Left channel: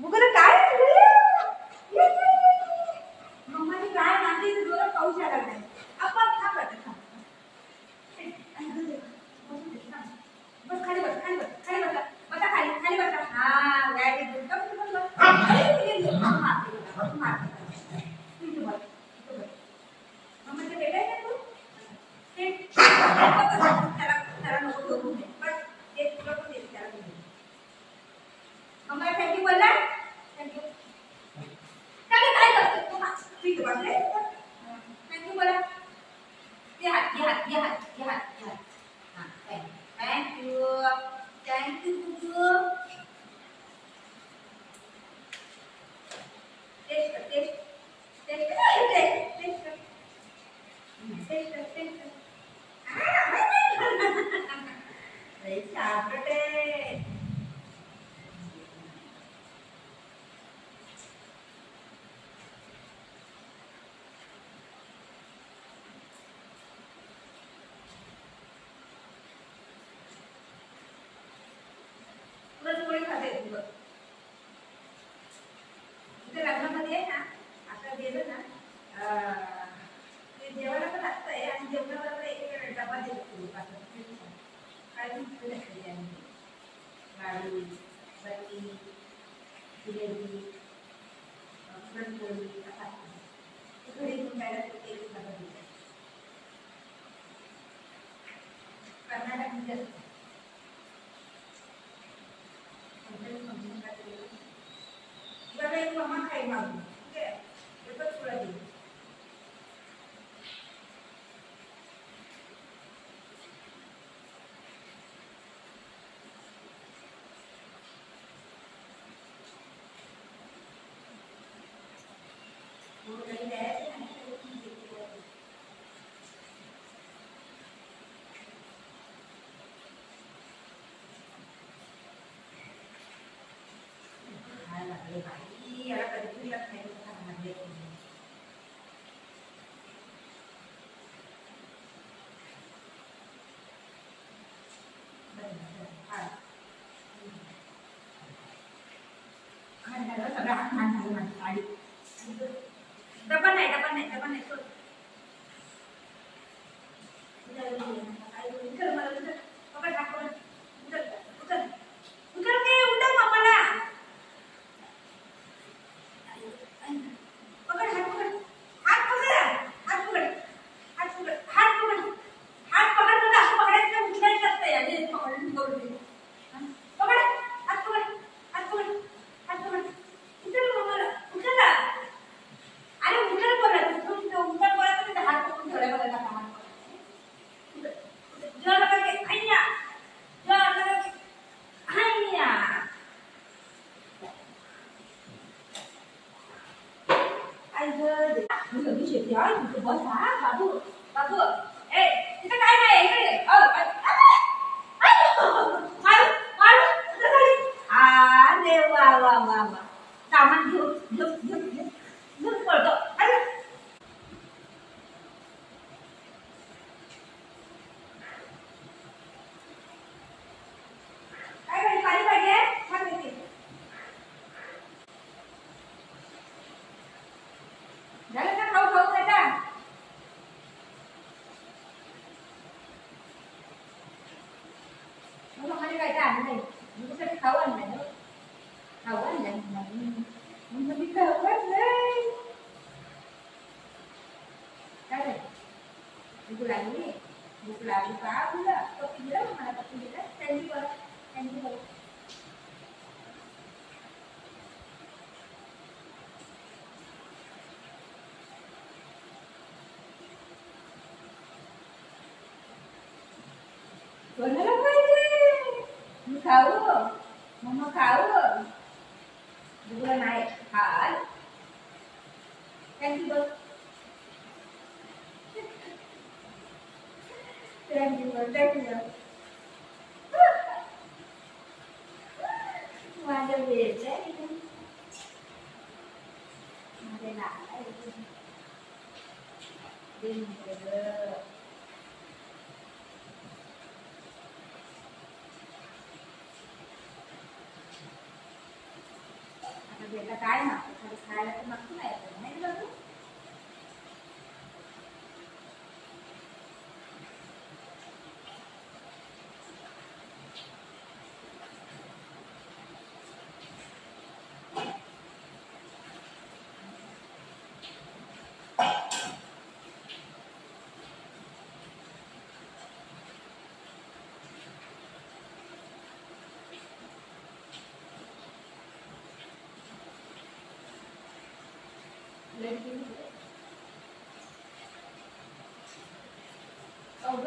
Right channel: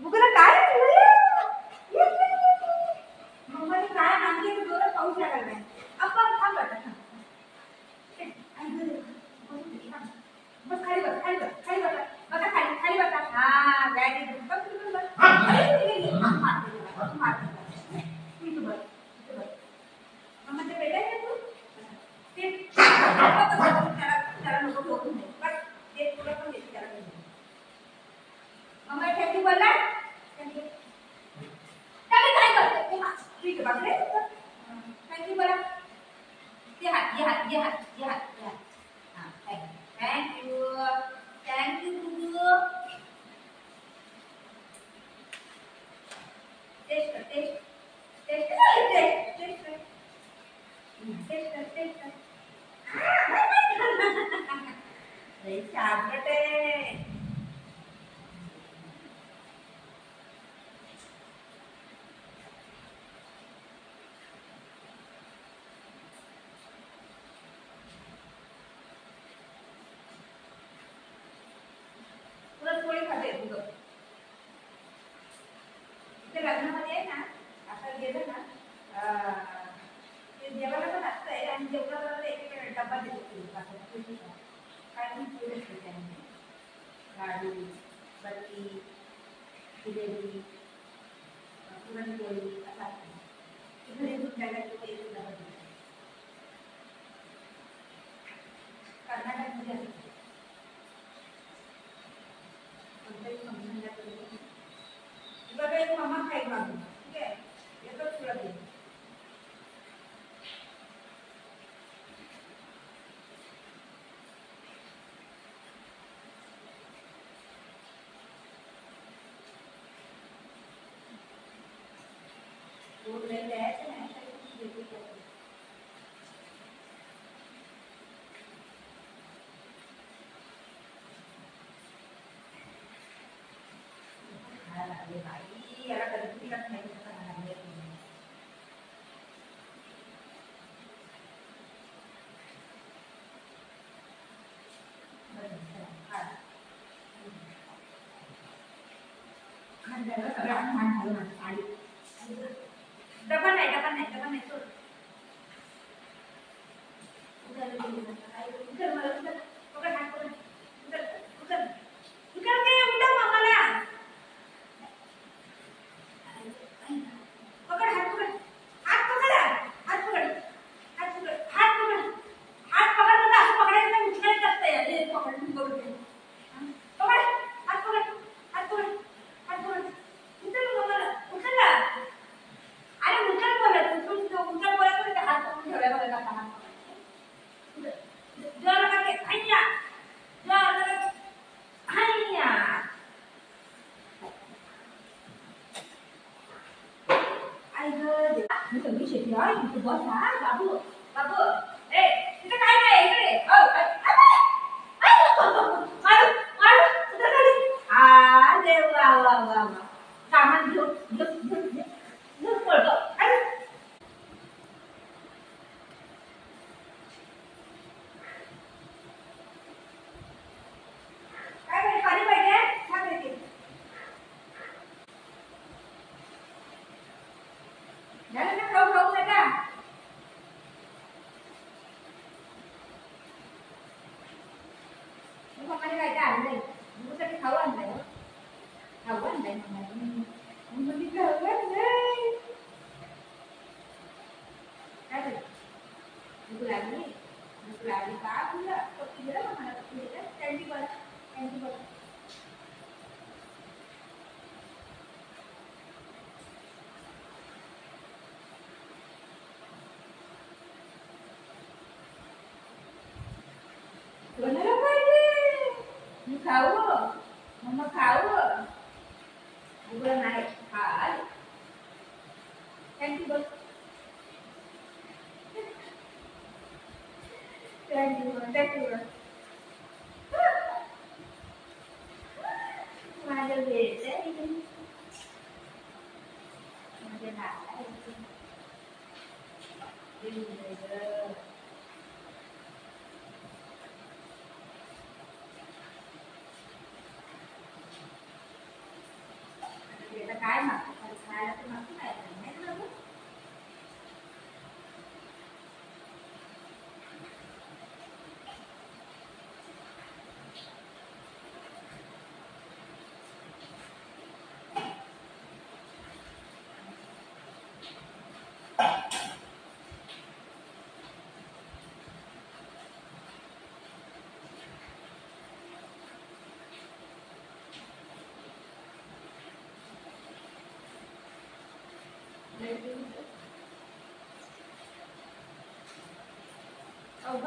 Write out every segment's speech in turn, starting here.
बुगला काय मम्माने काय नांदी तर जोरात पाऊस यायला लागलाय. आपण थांब आता थांब. बस खाली बस खाली बस खाली बस बसा खाली खाली बसा. हा व्हेरी गुड. बस बस बस. मार मी तू बस मम्माचे बेटा आहे तू ते त्याला नको ठोकू नये. बस ते तुला पण देते त्याला. मम्मा थँक्यू बोलला. थँक्यू काय काय करतो तू. मी तू बसले थँक्यू बोला. ये हात ये हात ये हात ये हात ये हात. हां थँक्यू थँक्यू गुगू. टेस्ट कर टेस्ट टेस्ट कर टेस्ट कर टेस्ट कर टेस्ट कर. लई छान बेटे. पुरणपोळी खाते तुझं. इथे लग्नामध्ये आहे ना आता गेलं ना ते जेवायला पण असतंय आणि जेवणाबरोबर एक डबा देतो. काय पण पोळी असते त्यामध्ये लाडू बत्ती जिलेबी पुरणपोळी असं असतं. ते घरी घेऊन जायला एक डबा देतो. कर्नाटकमध्ये असतो. बघा एक मम्मा खाईल मागून ठीक आहे. एकच तुला देईल. नाही द्यायचं नाही भाई याला कधी लक्षात नाही कसं खाणार. सगळं मान झालं माझं आडी. डबा नाही डबा नाही डबा नाही सोड. उचल मला उचल पकड हात पकड उचल उचल उचल काय उठव मामाला. पकड हात पकड हात पकड हात पकड हात पकड हात पकड हात पकड मला असं पकडायचं नाही. उचलायचं असतं याने पकडून करू दे. पकड हात पकड हात पकड हात पकड उचल मामाला उचल. अरे उचल बोलत उचल बोलायचं नाही. हात पकडून ठेवलाय बघा कामाला. जोर लगा के हैया जोर लगा के हैया. आई गं मी सगळी शेती आहे. इथे बस हा बाबू बाबू. ए तिथं काय नाही इकडे. मारू मारू तिथं खाली. अरे वा वा वा वा. सामान घेऊन घेऊन घेऊन घेऊन घेऊन पळतो. झालं ना खाऊ खाऊ नका. मग आम्हाला काय काय आणलंय तुझ्यासाठी. खाऊ आणलंय खाऊ आणलंय मग मी खाऊ आणलंय. काय रे भूक लागली का तुला. पप्पी दिला मग मला पप्पी दिला. थँक्यू बोला थँक्यू बोला. कोणाला पाहिजे मी खाऊ मम्मा खाऊ. बुगला नाही खाल. थँक्यू बोल थँक्यू बोल थँक्यू बोल. माझं वेळ आहे माझे नाव आता काय मागतो खायला तर मागतो नाही ना बाबू.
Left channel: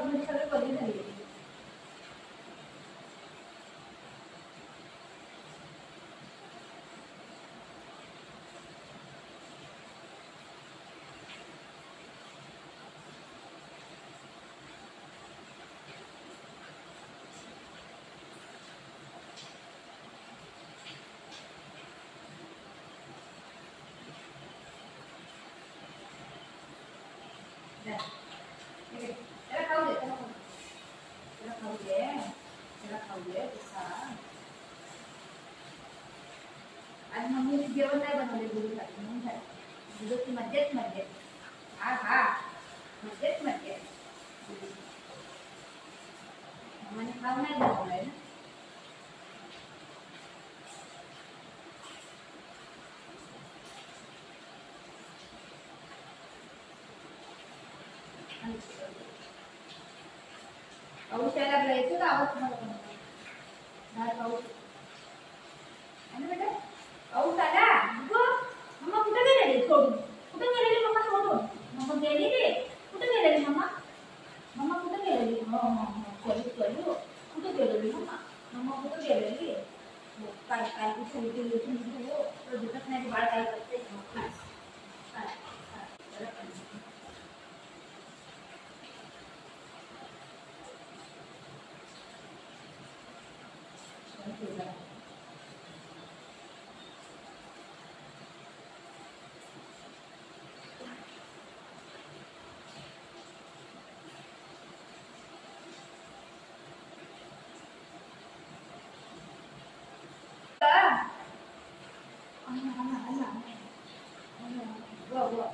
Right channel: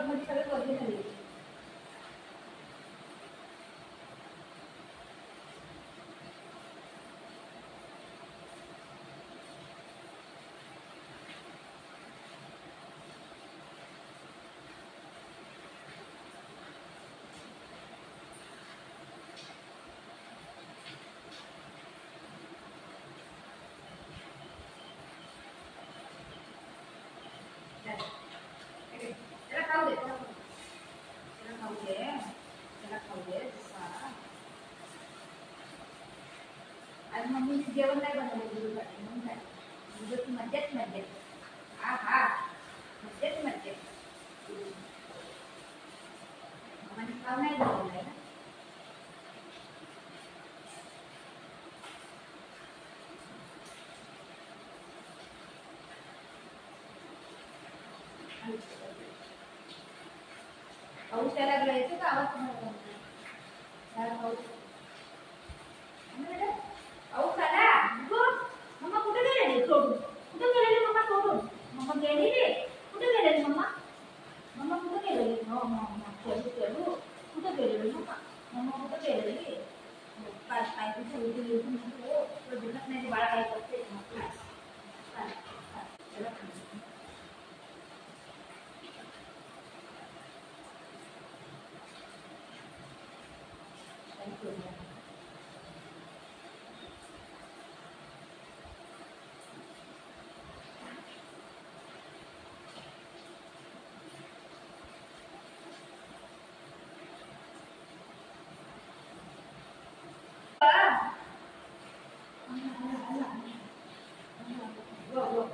मध्ये सगळे बदली झाली. त्याला खाऊ दे, त्याला खाऊ दे, त्याला खाऊ दे. आज मम्मीने जेवण नाही बनवले गुरुसाठी म्हणून झाले. गुरुची मज्जाच मज्जा. हा हा मज्जाच मज्जा. मम्माने खाऊ नाही बनवलाय ना. पाऊस यायला लागला. येतो का आवाज तुम्हाला? पाऊस बेटा पाऊस आला. मम्मा कुठे गेलेली सोडून? कुठे गेलेली मम्मा सोडून? मम्मा गेलेली कुठे गेलेली मम्मा? मम्मा कुठे गेलेली? हो हो हो चलू चलू. कुठे गेलेली मम्मा? मम्मा कुठे गेलेली? काय काय कुठे हो तो दिसत नाही. बाळ काय करते?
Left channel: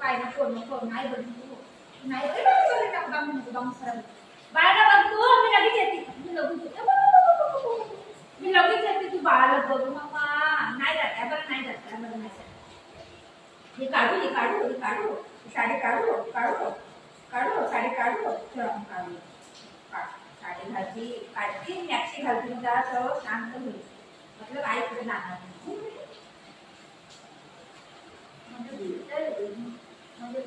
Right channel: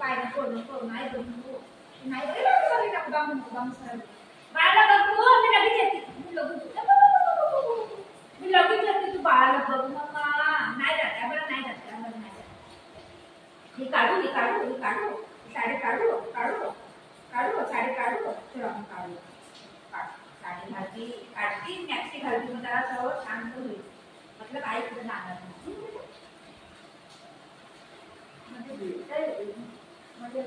काय नको नाही बघू नाही बाळाला बघ तू. मी लगेच येते. मी लगेच येते. तू बाळाला बघ मम्मा. नाही जात बरं नाही जात बरं नाही जात. हे काढू हे काढू हे काढू. साडी काढू काढू काढू साडी काढू. चल आपण काढू. साडी घालती काढती मॅक्सी घालती. मग जरा सगळं शांत होईल. मतलब आई कुठे जाणार नाही. म्हणजे